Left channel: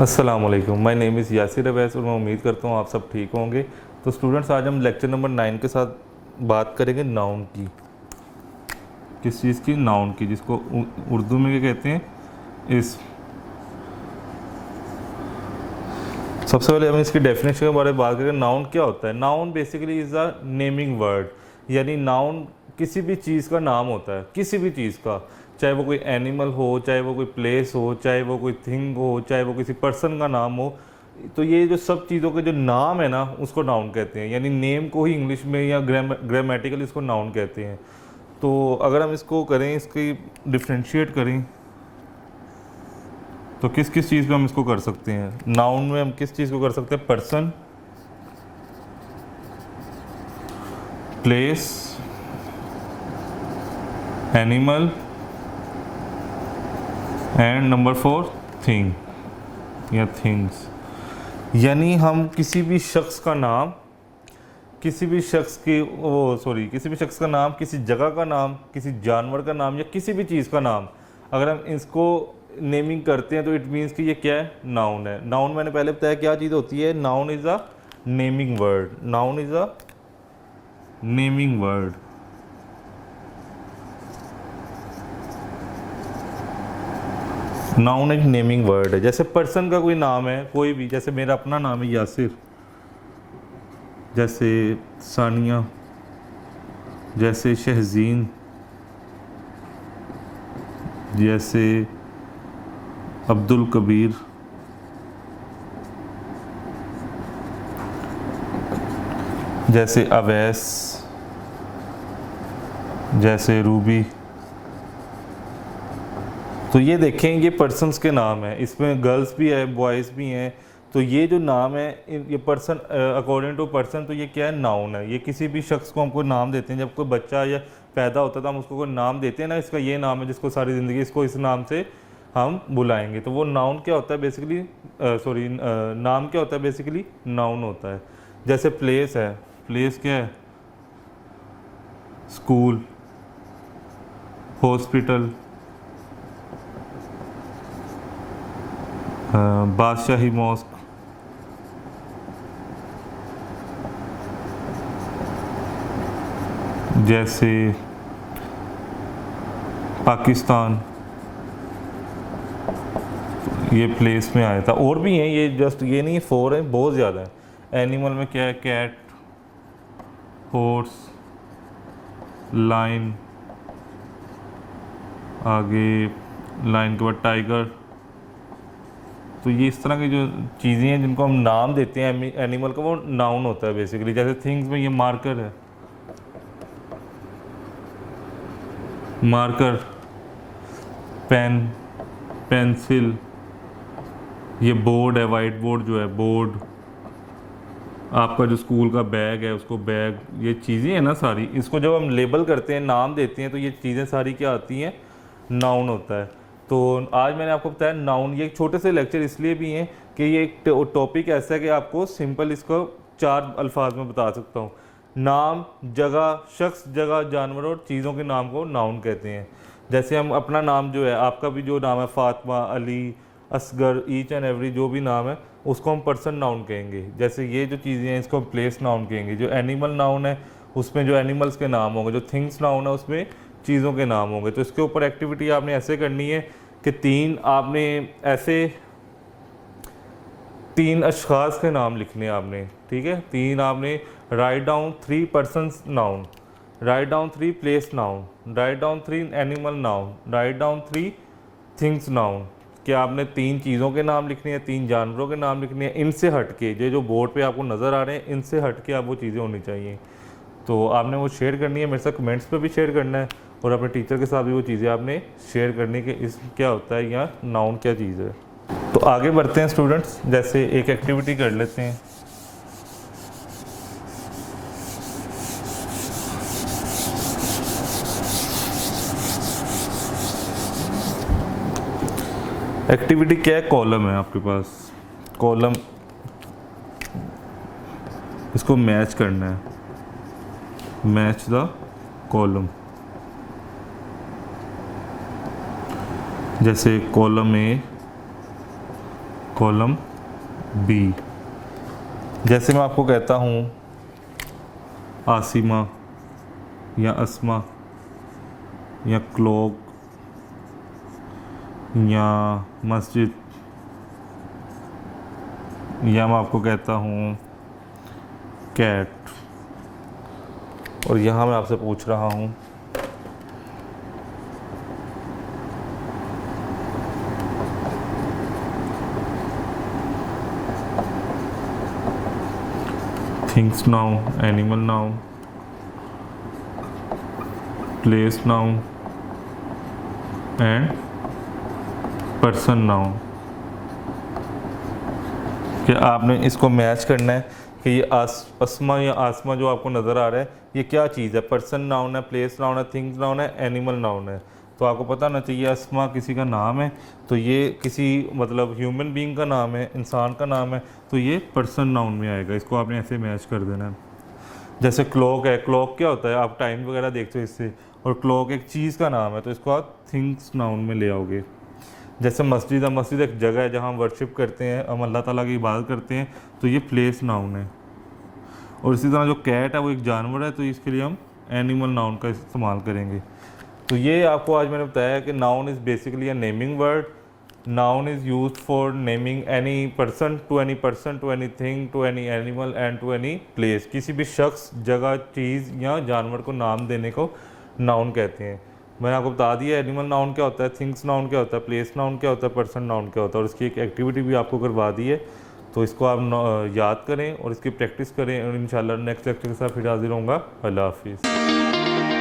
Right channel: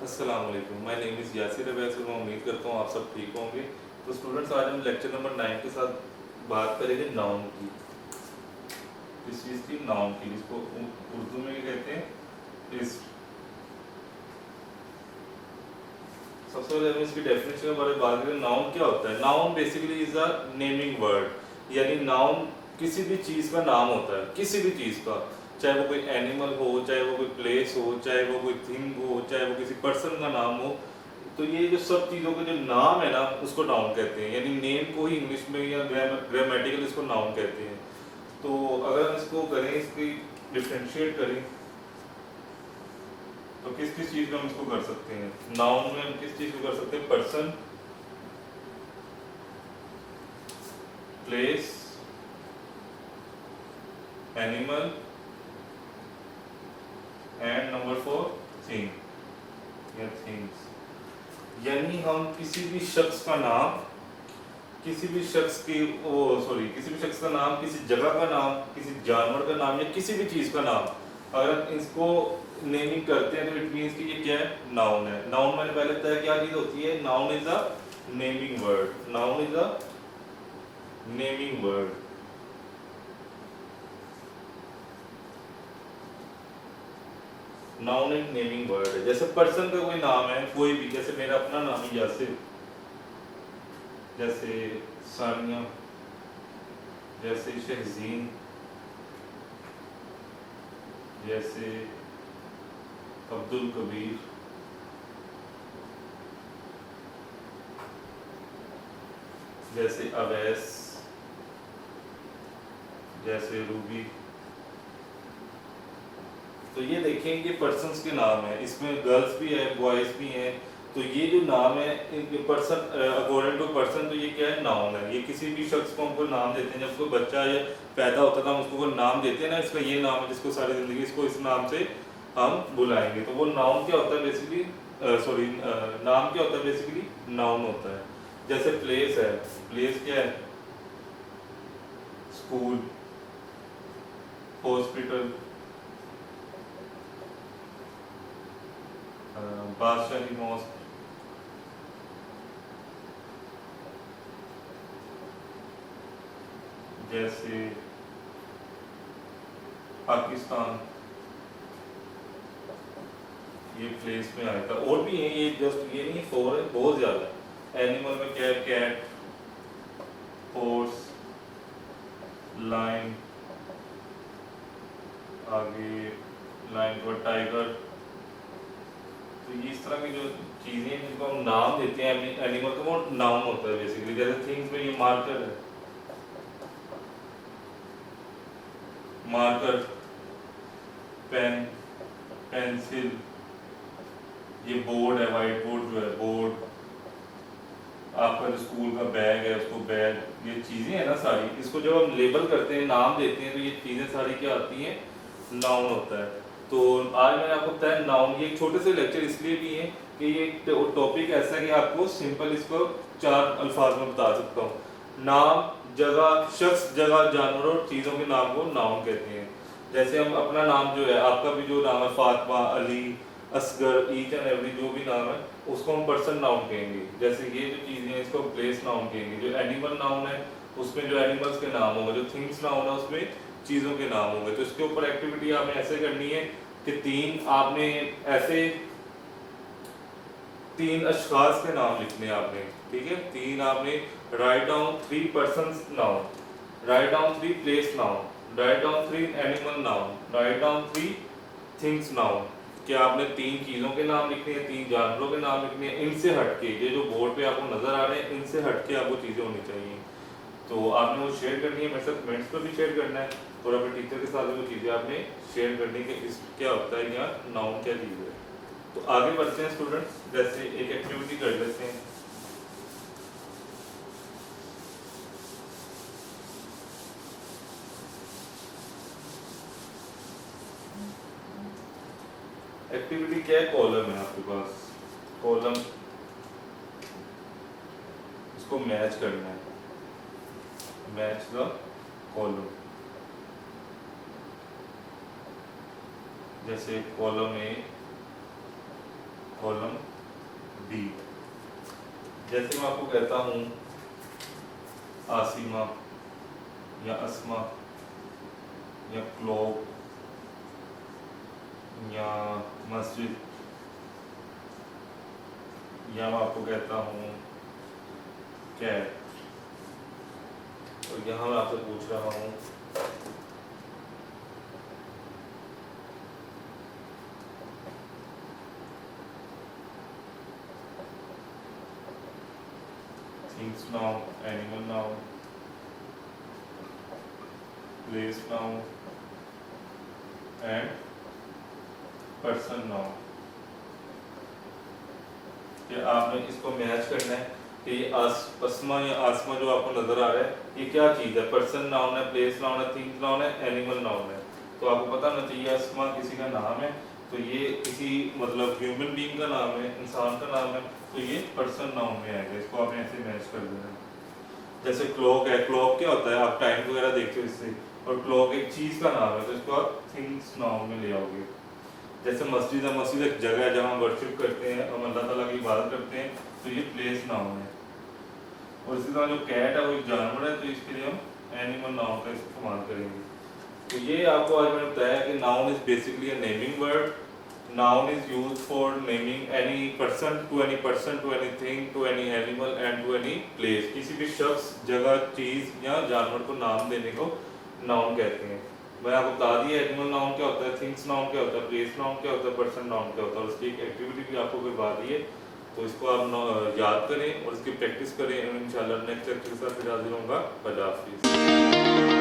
अस्सलाम वालेकुम, my name is Yasir Awais और मैं उम्मीद करता हूँ आप सब ठीक होंगे। तो स्टूडेंट्स, आज हम लेक्चर नंबर 9 के साथ बात करेंगे नाउन की। किस चीज़ की? नाउन की, जिसको उर्दू में क्या कहते हैं? इस्म। सबसे पहले हम इसकी डेफिनेशन के बारे में बात करें। नाउन क्या होता है? Noun basically is a naming word, यानी नाउन किसी भी चीज़ का नाम होता है, किसी भी चीज़ का, चाहे वो कोई एनिमल हो, चाहे वो कोई प्लेस हो, चाहे वो कोई थिंग हो, चाहे वो किसी पर्सन का नाम हो। तो ये जो सब चीज़ों के जो नाम है ना, उसको नाउन कहते हैं, यानी नेम को ही इंग्लिश में या ग्रामेटिकल इसको नाउन कहते हैं। तो अगर हम इसको करें, इसकी डिफ्रेंशिएट करें, तो किस किस चीज़ पे हम इसको कर सकते हैं? नाउन में हम किस चीज़ को कर सकते हैं? Person, place, animal and number 4 thing या थिंग्स। यानी हम किसी भी शख्स का नाम, किसी भी शख्स की किसी भी शख्स का नाम, किसी जगह का नाम, किसी जानवर का नाम या किसी भी चीज़ का नाम, अगर हम इसको नेमिंग करते हैं तो इट मीन्स कि ये क्या है? नाउन है। नाउन मैंने पहले बताया क्या चीज़ होती है। Noun is a naming word. Noun is a naming word. Noun एक नेमिंग वर्ड है। जैसे पर्सन का कोई नाम है, कोई भी, जैसे मेरा अपना नाम है यासिर, जैसे सानिया, जैसे शहजीन, जैसे अब्दुल कबीर, जैसे अवैस, जैसे रूबी। तो ये देखें, ये पर्सन्स के नाम हैं। इसमें गर्ल्स भी है, बॉयज़ भी हैं। तो ये जो नाम है, ये पर्सन, अकॉर्डिंग टू पर्सन, तो ये क्या है? नाउन है। ये किसी भी शख्स को हम कोई नाम देते हैं। जब कोई बच्चा या पैदा होता था, हम उसको कोई नाम देते हैं ना, इसका ये नाम है, जिसको सारी ज़िंदगी इसको इस नाम से हम बुलाएंगे। तो वो नाउन क्या होता है बेसिकली? नाम क्या होता है बेसिकली? नाउन होता है। जैसे प्लेस है, प्लेस क्या है? स्कूल, हॉस्पिटल, बादशाही मॉस्क, जैसे पाकिस्तान, ये प्लेस में आया था। और भी हैं, ये जस्ट ये नहीं, 4 है, बहुत ज़्यादा है। एनिमल में क्या है? कैट, हॉर्स, लाइन, आगे लाइन के बाद टाइगर। तो ये इस तरह की जो चीज़ें हैं जिनको हम नाम देते हैं एनिमल का, वो नाउन होता है बेसिकली। जैसे थिंग्स में ये मार्कर है, मार्कर, पेन, पेंसिल, ये बोर्ड है, वाइट बोर्ड जो है, बोर्ड, आपका जो स्कूल का बैग है उसको बैग। ये चीज़ें हैं ना सारी, इसको जब हम लेबल करते हैं, नाम देते हैं, तो ये चीज़ें सारी क्या आती हैं? नाउन होता है। तो आज मैंने आपको बताया नाउन। ये एक छोटे से लेक्चर इसलिए भी हैं कि ये एक टॉपिक ऐसा है कि आपको सिंपल इसको 4 अल्फाज में बता सकता हूँ। नाम, जगह, शख्स, जगह, जानवर और चीज़ों के नाम को नाउन कहते हैं। जैसे हम अपना नाम जो है, आपका भी जो नाम है, Fatima, Ali, Asgar, each and every, जो भी नाम है, उसको हम पर्सन नाउन कहेंगे। जैसे ये जो चीज़ें हैं, इसको प्लेस नाउन कहेंगे। जो एनिमल नाउन है, उसमें जो एनिमल्स के नाम होंगे। जो थिंग्स नाउन है, उसमें चीज़ों के नाम होंगे। तो इसके ऊपर एक्टिविटी आपने ऐसे करनी है कि 3 अशखास के नाम लिखने हैं आपने, ठीक है? 3 आपने write down 3 persons noun, write down 3 place noun, write down 3 animal noun, write down 3 things noun. क्या आपने 3 चीज़ों के नाम लिखने हैं, 3 जानवरों के नाम लिखने हैं। इनसे हटके, ये जो बोर्ड पे आपको नज़र आ रहे हैं, इनसे हटके आप वो चीज़ें होनी चाहिए। तो आपने वो शेयर करनी है, मेरे साथ कमेंट्स पे भी शेयर करना है, और अपने टीचर के साथ भी वो चीज़ें आपने शेयर करनी कि इस क्या होता है या नाउन क्या चीज़ है। तो आगे बढ़ते हैं स्टूडेंट्स, जैसे एक एक्टिविटी कर लेते हैं। एक्टिविटी क्या है? कॉलम है आपके पास, कॉलम, इसको मैच करना है। Match the column. जैसे कॉलम ए, कॉलम बी। जैसे मैं आपको कहता हूँ आसिमा या अस्मा या क्लॉक या मस्जिद, या मैं आपको कहता हूँ कैट, और यहाँ मैं आपसे पूछ रहा हूँ things noun, animal noun, place noun and person noun. कि आपने इसको मैच करना है कि ये अस्मा या आसमा जो आपको नज़र आ रहा है ये क्या चीज़ है, पर्सन नाउन है, प्लेस नाउन है, थिंग्स नाउन है, एनिमल नाउन है। तो आपको पता ना चाहिए अस्मा किसी का नाम है, तो ये किसी मतलब ह्यूमन बीइंग का नाम है, इंसान का नाम है, तो ये पर्सन नाउन में आएगा। इसको आपने ऐसे मैच कर देना है। जैसे क्लॉक है, क्लॉक क्या होता है, आप टाइम वगैरह देखते हो इससे, और क्लॉक एक चीज़ का नाम है, तो इसको आप थिंग्स नाउन में ले आओगे। जैसे मस्जिद है, मस्जिद एक जगह है जहाँ हम वर्शिप करते हैं, हम अल्लाह ताला की इबादत करते हैं, तो ये प्लेस नाउन है। और इसी तरह जो कैट है वो एक जानवर है, तो इसके लिए हम एनिमल नाउन का इस्तेमाल करेंगे। तो ये आपको आज मैंने बताया कि noun is basically a naming word. Noun is use for naming any person, to any thing, to any animal and to any place. किसी भी शख्स, जगह, चीज़ या जानवर को नाम देने को नाउन कहते हैं। मैंने आपको बता दिया एनिमल नाउन क्या होता है, थिंग्स नाउन क्या होता है, प्लेस नाउन क्या होता है, पर्सन नाउन क्या होता है, और इसकी एक एक्टिविटी भी आपको करवा दी है। तो इसको आप याद करें और इसकी प्रैक्टिस करें, और इंशाल्लाह नेक्स्ट लेक्चर के साथ फिर हाजिर होऊंगा। अल्लाह हाफिज़।